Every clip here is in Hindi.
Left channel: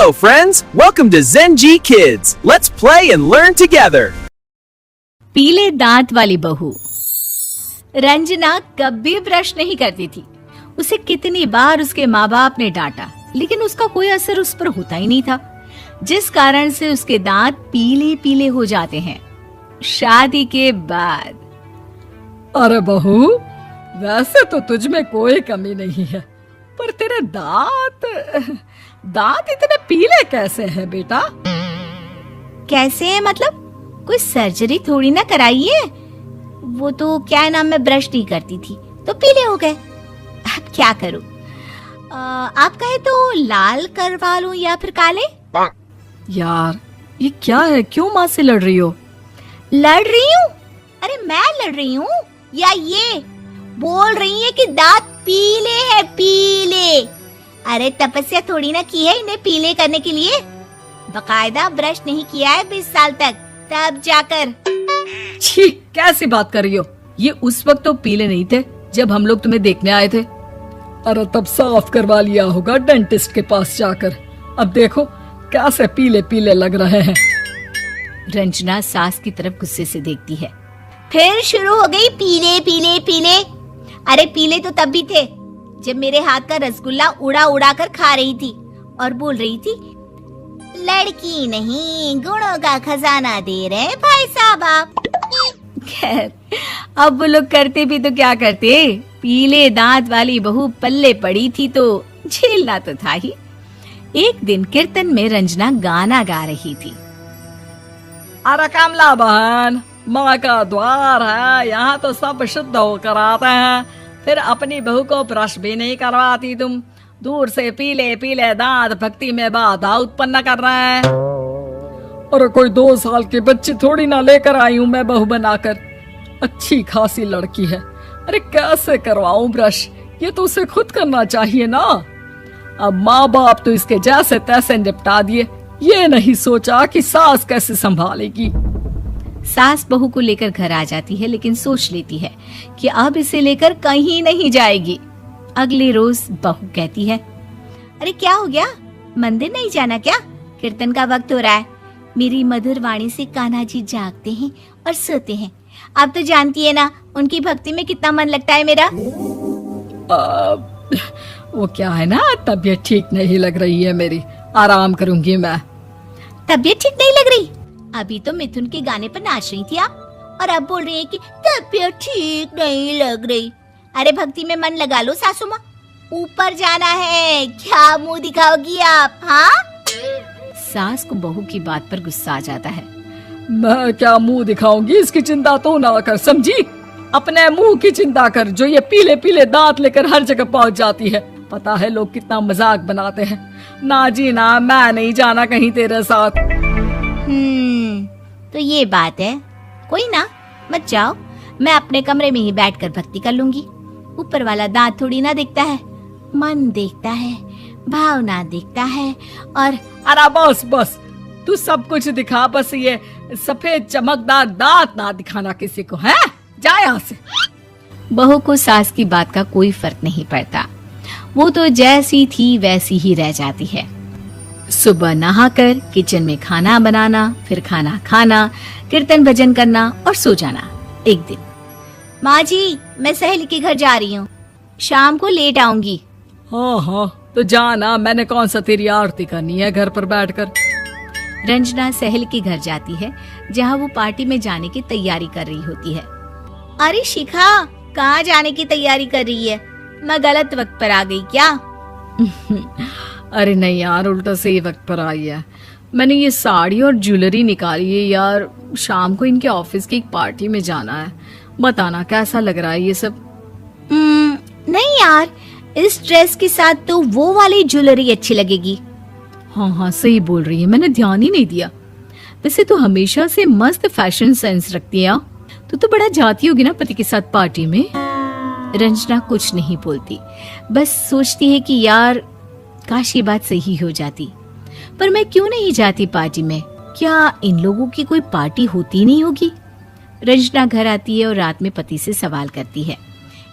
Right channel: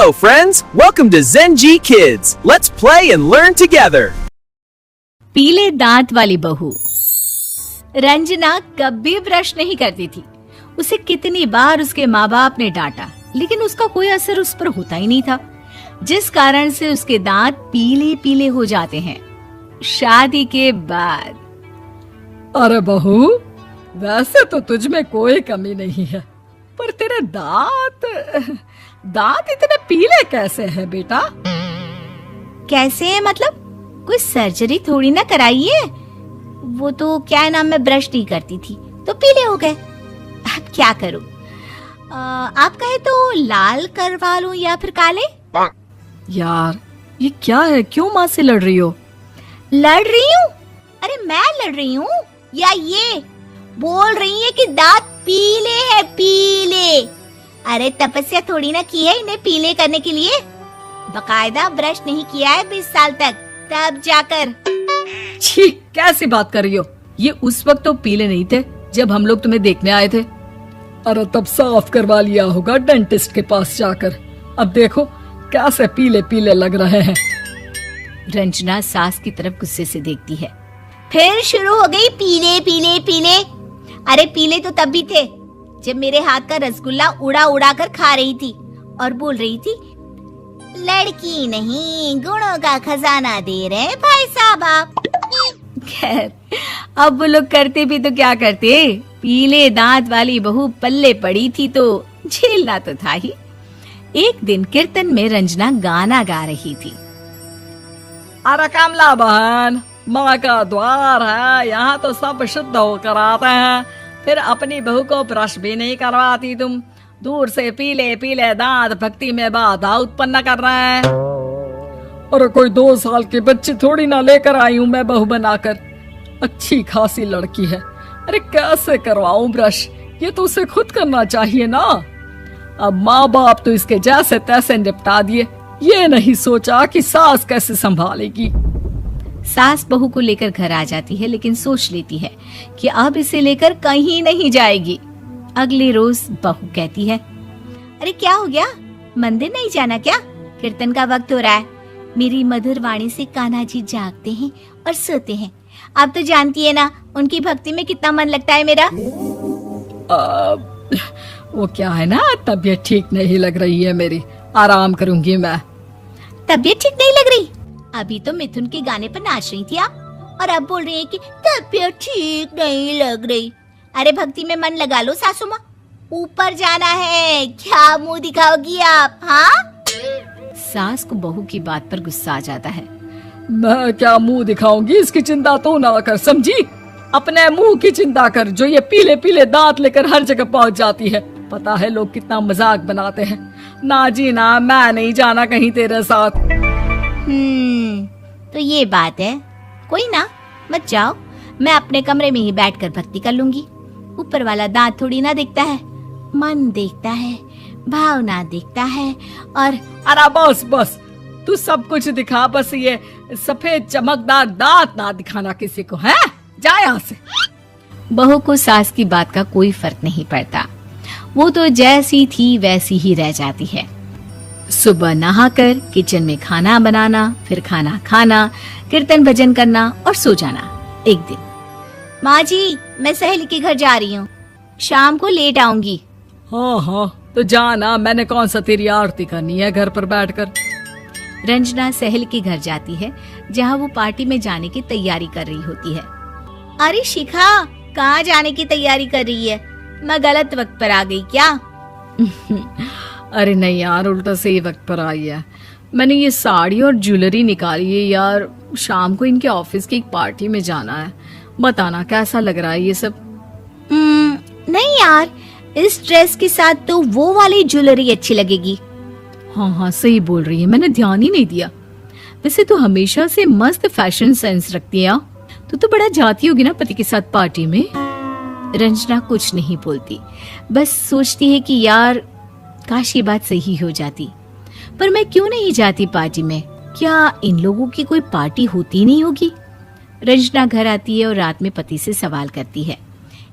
Hello friends, welcome to Zenji Kids. Let's play and learn together. पीले दांत वाली बहू। रंजना कभी ब्रश नहीं करती थी। उसे कितनी बार उसके माँ बाप ने डांटा, लेकिन उसका कोई असर उस पर होता ही नहीं था, जिस कारण से उसके दांत पीले पीले हो जाते हैं। शादी के बाद। अरे बहू, वैसे तो तुझ में कोई कमी नहीं है, पर तेरे दांत इतने पीले कैसे हैं बेटा? कैसे मतलब? कोई सर्जरी थोड़ी ना कराइए। वो तो क्या नाम, मैं ब्रश नहीं करती थी तो पीले हो गए। अब क्या करूं? आप कहें तो लाल करवा लूं या फिर काले? यार ये क्या है, क्यों माँ से लड़ रही हो? लड़ रही हूँ? अरे मैं लड़ रही हूँ या ये बोल रही है कि दांत पीले हैं, पीले। अरे तपस्या थोड़ी ना की है इन्हें पीले करने के लिए। बकायदा ब्रश नहीं किया है 20 साल तक, तब जाकर। छी, कैसी बात कर रही हो? ये उस वक्त तो पीले नहीं थे जब हम लोग तुम्हें देखने आए थे। अरे तब साफ करवा लिया होगा डेंटिस्ट के पास जाकर। अब देखो कैसे पीले पीले लग रहे हैं। रंजना सास की तरफ गुस्से से देखती है। फिर शुरू हो गई पीले पीले पीले। अरे पीले तो तब भी थे जब मेरे हाथ का रसगुल्ला उड़ा उड़ा कर खा रही थी और बोल रही थी, लड़की नहीं गुणों का खजाना दे रहे भाई साहब आप। खैर, अब वो लोग करते भी तो क्या करते, पीले दांत वाली बहू पल्ले पड़ी थी तो झेलना तो था ही। एक दिन कीर्तन में रंजना गाना गा रही थी। अरे कमला बहन, माँ का द्वार है, यहाँ तो सब शुद्ध होकर आते हैं, फिर अपनी बहू को ब्रश भी नहीं करवाती तुम। दूर से पीले पीले दांत भक्ति में बाधा उत्पन्न कर रहे हैं। और कोई 2 साल के बच्चे थोड़ी ना लेकर आई हूँ मैं बहू बनाकर। अच्छी खासी लड़की है, अरे कैसे करवाऊं ब्रश? ये तो उसे खुद करना चाहिए ना। अब माँ बाप तो इसके जैसे तैसे निपटा दिए, ये नहीं सोचा कि सास कैसे संभालेगी। सास बहू को लेकर घर आ जाती है, लेकिन सोच लेती है कि अब इसे लेकर कहीं नहीं जाएगी। अगले रोज बहू कहती है, अरे क्या हो गया, मंदिर नहीं जाना क्या? कीर्तन का वक्त हो रहा है। मेरी मधुर वाणी से कान्हा जी जागते हैं और सोते हैं। आप तो जानती है ना उनकी भक्ति में कितना मन लगता है मेरा। वो क्या है ना, तबीयत ठीक नहीं लग रही है मेरी, आराम करूंगी मैं। तबीयत ठीक नहीं लग रही? अभी तो मिथुन के गाने पर नाच रही थी आप, और अब बोल रही है कि तबीयत ठीक नहीं लग रही। अरे भक्ति में मन लगा लो सासू माँ, ऊपर जाना है, क्या मुंह दिखाओगी आप? हाँ? सास को बहू की बात पर गुस्सा आ जाता है। मैं क्या मुंह दिखाऊंगी, इसकी चिंता तो ना कर, समझी? अपने मुंह की चिंता कर, जो ये पीले पीले दांत लेकर हर जगह पहुंच जाती है। पता है लोग कितना मजाक बनाते हैं। ना जी ना, मैं नहीं जाना कहीं तेरे साथ। तो ये बात है। कोई ना, मत जाओ, मैं अपने कमरे में ही बैठकर भक्ति कर लूंगी। ऊपर वाला दांत थोड़ी ना देखता है, मन देखता है, भावना देखता है। और अरे बस बस, तू सब कुछ दिखा, बस ये सफेद चमकदार दांत ना दिखाना किसी को, है? जा यहाँ से। बहू को सास की बात का कोई फर्क नहीं पड़ता, वो तो जैसी थी वैसी ही रह जाती है। सुबह नहाकर किचन में खाना बनाना, फिर खाना खाना, कीर्तन भजन करना और सो जाना। एक दिन, माँ जी मैं सहेली के घर जा रही हूँ, शाम को लेट आऊंगी। हाँ, तो जाना, मैंने कौन सा तेरी आरती करनी है घर पर बैठकर। रंजना सहेली के घर जाती है, जहाँ वो पार्टी में जाने की तैयारी कर रही होती है। अरे शिखा, कहाँ जाने की तैयारी कर रही है? मैं गलत वक्त पर आ गई क्या? अरे नहीं यार, उल्टा सही वक्त पर आई है। मैंने ये साड़ी और ज्वेलरी निकाली है यार, शाम को इनके ऑफिस की एक पार्टी में जाना है। बताना कैसा लग रहा है ये सब? नहीं यार, इस ड्रेस के साथ तो वो वाली ज्वेलरी अच्छी लगेगी। हाँ, सही बोल रही है, मैंने ध्यान ही नहीं दिया। वैसे तो हमेशा से मस्त फैशन सेंस रखती है। तो बड़ा जाती होगी ना पति के साथ पार्टी में। रंजना कुछ नहीं बोलती, बस सोचती है कि यार काश ये बात सही हो जाती, पर मैं क्यों नहीं जाती पार्टी में? क्या इन लोगों की कोई पार्टी होती नहीं होगी? रंजना घर आती है और रात में पति से सवाल करती है,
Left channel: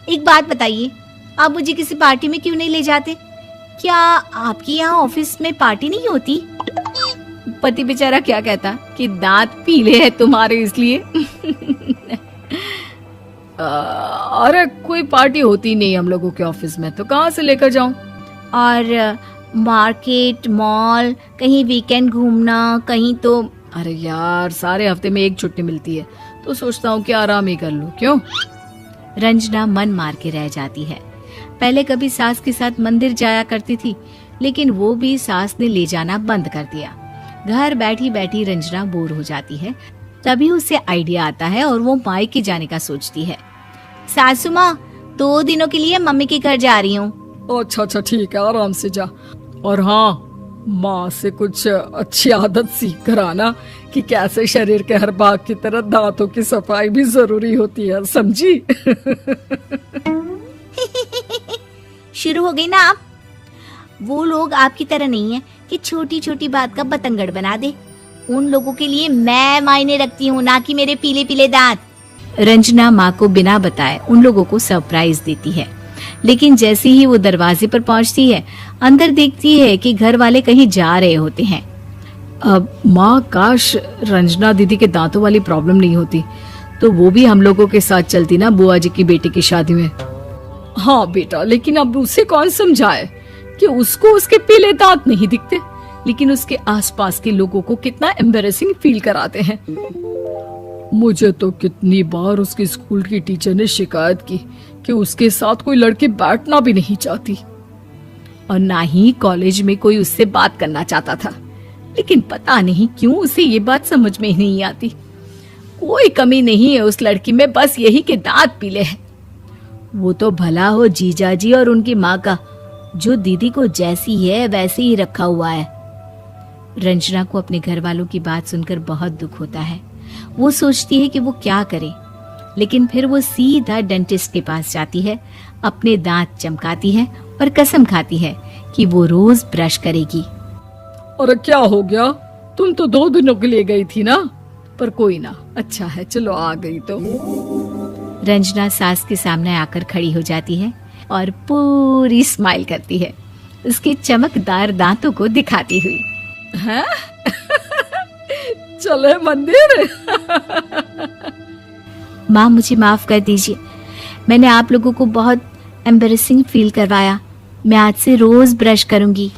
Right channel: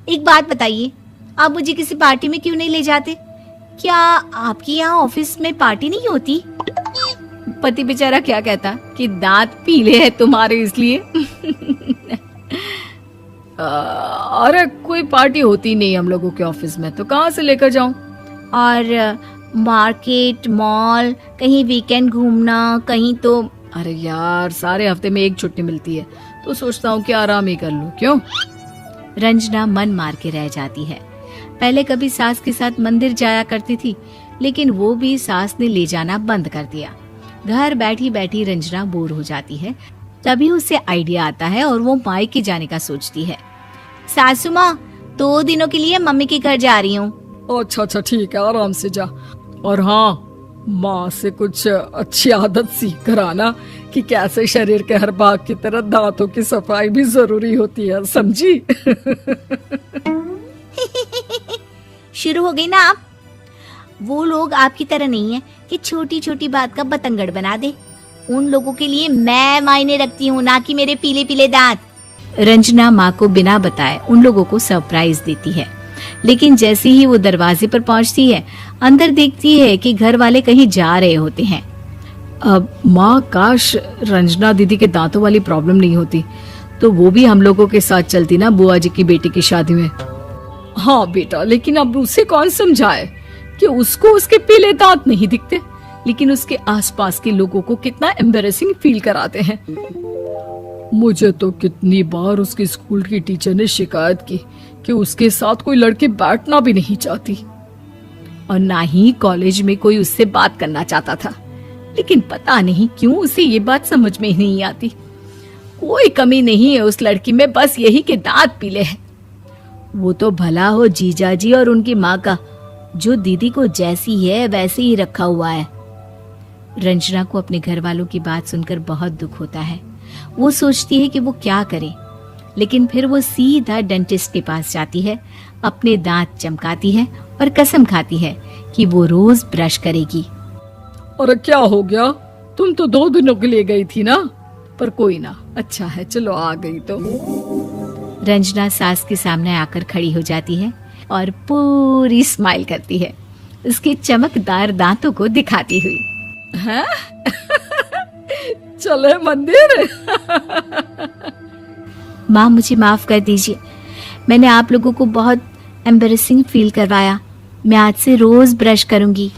एक बात बताइए, आप मुझे किसी पार्टी में क्यों नहीं ले जाते? क्या आपके यहाँ ऑफिस में पार्टी नहीं होती? पति बेचारा क्या कहता कि दांत पीले हैं तुम्हारे इसलिए। अरे कोई पार्टी होती नहीं हम लोगों के ऑफिस में, तो कहाँ से लेकर जाऊं? और मार्केट, मॉल, कहीं वीकेंड घूमना, कहीं तो। अरे यार, सारे हफ्ते में एक छुट्टी मिलती है, तो सोचता हूँ कि आराम ही कर लूं। क्यों? रंजना मन मार के रह जाती है। पहले कभी सास के साथ मंदिर जाया करती थी, लेकिन वो भी सास ने ले जाना बंद कर दिया। घर बैठी बैठी रंजना बोर हो जाती है। तभी उसे आइडिया आता है और वो मायके जाने का सोचती है। सासू माँ, 2 दिनों के लिए मम्मी के घर जा रही हूँ। अच्छा अच्छा ठीक है, आराम से जा। और हाँ, माँ से कुछ अच्छी आदत सीख कर आना कि कैसे शरीर के हर भाग की तरह दांतों की सफाई भी जरूरी होती है, समझी? शुरू हो गई ना आप? वो लोग आपकी तरह नहीं है कि छोटी छोटी बात का बतंगड़ बना दे। उन लोगों के लिए मैं मायने रखती हूँ, ना कि मेरे पीले पीले दांत। रंजना माँ को बिना बताए उन लोगों को सरप्राइज देती है, लेकिन जैसे ही वो दरवाजे पर पहुंचती है, अंदर देखती है कि घर वाले कहीं जा रहे होते हैं। अब माँ, काश रंजना दीदी के दांतों वाली प्रॉब्लम नहीं होती, तो वो भी हम लोगों के साथ चलती ना बुआ जी की बेटी की शादी में। हाँ बेटा, लेकिन अब उसे कौन समझाए कि उसको उसके पीले दांत नहीं दिखते, लेकिन उसके आसपास के लोगों को कितना एम्बैरेसिंग फील कराते हैं। मुझे तो कितनी बार उसके स्कूल की टीचर ने शिकायत की कि उसके साथ कोई लड़की बैठना भी नहीं चाहती, और ना ही कॉलेज में कोई उससे बात करना चाहता था। लेकिन पता नहीं क्यों उसे ये बात समझ में ही नहीं आती। कोई कमी नहीं है उस लड़की में, बस यही कि दांत पीले हैं। वो तो भला हो जीजा जी और उनकी माँ का, जो दीदी को जैसी है वैसे ही रखा हुआ है। रंजना को अपने घर वालों की बात सुनकर बहुत दुख होता है। वो सोचती है कि वो क्या करे, लेकिन फिर वो सीधा डेंटिस्ट के पास जाती है, अपने दांत चमकाती है और कसम खाती है कि वो रोज ब्रश करेगी। अरे क्या हो गया? तुम तो 2 दिनों के लिए गई थी ना, पर कोई ना, अच्छा है, चलो आ गई तो। रंजना सास के सामने आकर खड़ी हो जाती है और पूरी स्माइल करती है, उसके चमकदार दांतों को दिखाती हुई। हैं? चले मंदिर? माँ, मुझे माफ कर दीजिए, मैंने आप लोगों को बहुत एम्बैरेसिंग फील करवाया। मैं आज से रोज ब्रश करूंगी।